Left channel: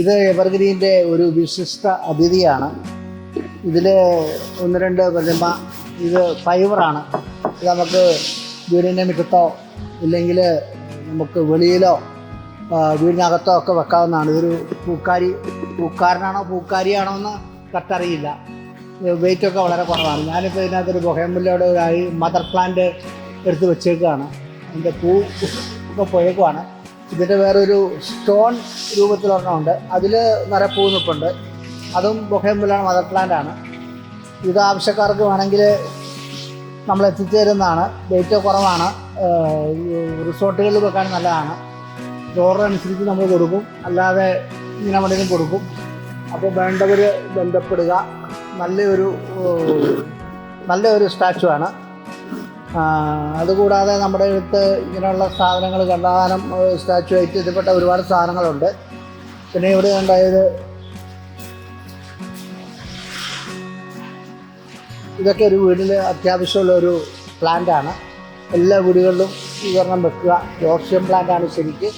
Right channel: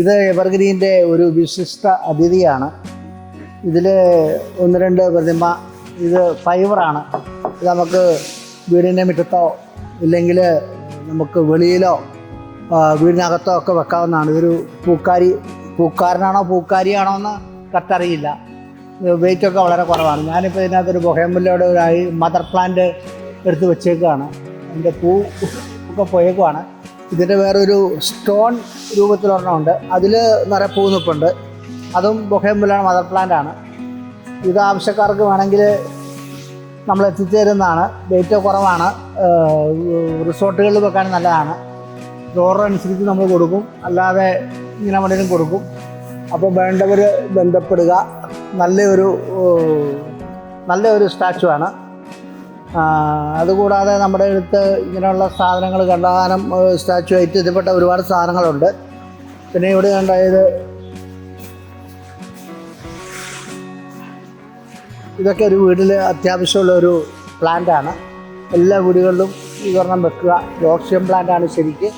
ഇത് എവർഗ്രീൻ്റെ ഒരു വിശിഷ്ട അതിഥിയാണ്. ഇതിൽ 1-2 പ്രതിമ. ഇത് ഫൈബറാണ്. ഇത് നമുക്ക് വീടിൻ്റെ മുറ്റത്തോ ഇല്ലെങ്കിൽ നമുക്ക് വെളിയിലോ വീടിനകത്തോ ഒക്കെ വെക്കാവുന്നതാണ്. ഇതൊരു പൂക്കാരനാണോ പൂക്കാരിയാണോ എന്ന് കറക്റ്ററിയില്ല. വെയിറ്റൊക്കെ വളരെ കുറവാണ്. ഞാനിപ്പോൾ ഇതിനകത്തൊരു ബൊഹേമില്ലയുടെ മദർ പ്ലാന്റ് എടുത്ത് വെച്ചേക്കുകയാണ്. അതിൻ്റെ പൂ ഇപ്പോൾ പോയേക്കുവാണ്. ഇതിൻ്റെ വേറൊരു സ്റ്റോൺ രൂപത്തിലൊരെണ്ണമുണ്ട്. അതിൽ നിറയെ പൂ നിൽപ്പുണ്ട്. അതും ബൊഹേമില്ലയുടെ മദർ പ്ലാന്റാണ്. ഇത് ആവശ്യക്കാർക്ക് വേണമെങ്കിൽ നമ്മൾ എത്തിച്ചു തരുന്നതാണ്. വെയിറ്റ് കുറവാണ്. റിസോർട്ടുകളിൽ വെക്കാൻ നല്ലതാണ്. ഫ്ലോർ അനുസരിച്ച് നമ്മൾ കൊടുക്കും, അല്ലാതെ ഇങ്ങനെ എവിടെയും കൊടുക്കും. അപ്പോൾ വേണ്ടവർ ബന്ധപ്പെടുക. നല്ലൊരു സ്റ്റാച്ചു ആണ്. അതുകൂടാതെ നമ്മുടെ അടുത്ത് ഇങ്ങനെയുള്ള സാധനങ്ങൾ കണ്ടമാനം സ്റ്റാച്ചു ആയിട്ട് ഇതിൽപ്പെട്ട ഒരുപാട് സാധനങ്ങളുണ്ട്. പിന്നെ ഇവിടെ കണ്ടായത് ഇതൊക്കെ ഒരു വീട്ടിൽ അത്യാവശ്യമുള്ളൊരു പ്ലാന്റാണ്. എല്ലാ വീടുകളിലും ഈ ഒരെണ്ണം വെക്കുക. ജോർഷ്യൻ പ്ലാന്റാണ് ശരിക്ക്.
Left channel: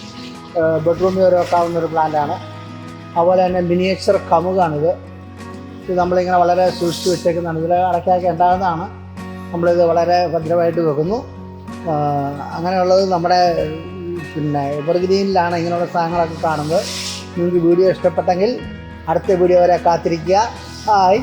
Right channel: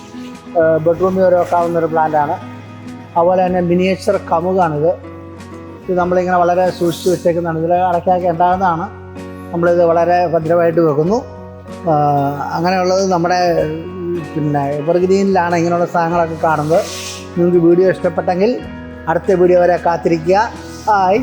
ബെഡ്റൂമിൽ വരെ വെക്കാവുന്നൊരു പ്ലാന്റാണ്. അതുപോലെ തന്നെ മിനിയേച്ചർ കമുകാണിത്. ഇത് നമ്മളിങ്ങനെ വളരെ സൂക്ഷിച്ച് വെച്ചേക്കുന്നതാണ്. ഇതിൽ അടയ്ക്കാതെ ഉണ്ടാകുന്നതാണ്. നമ്മളിത് വളരെ ഭദ്രമായിട്ട് വെക്കുന്നു. അങ്ങനെയുള്ളത് നമ്മുടെ എവർഗ്രീനിലാണ് ഇങ്ങനെയുള്ള സാധനങ്ങളൊക്കെ കാണുന്നത്. നിങ്ങൾക്ക് വീഡിയോ ഇഷ്ടപ്പെട്ടെങ്കിൽ അടുത്ത വീഡിയോ വരെ കാത്തിരിക്കുക. ഹായ്.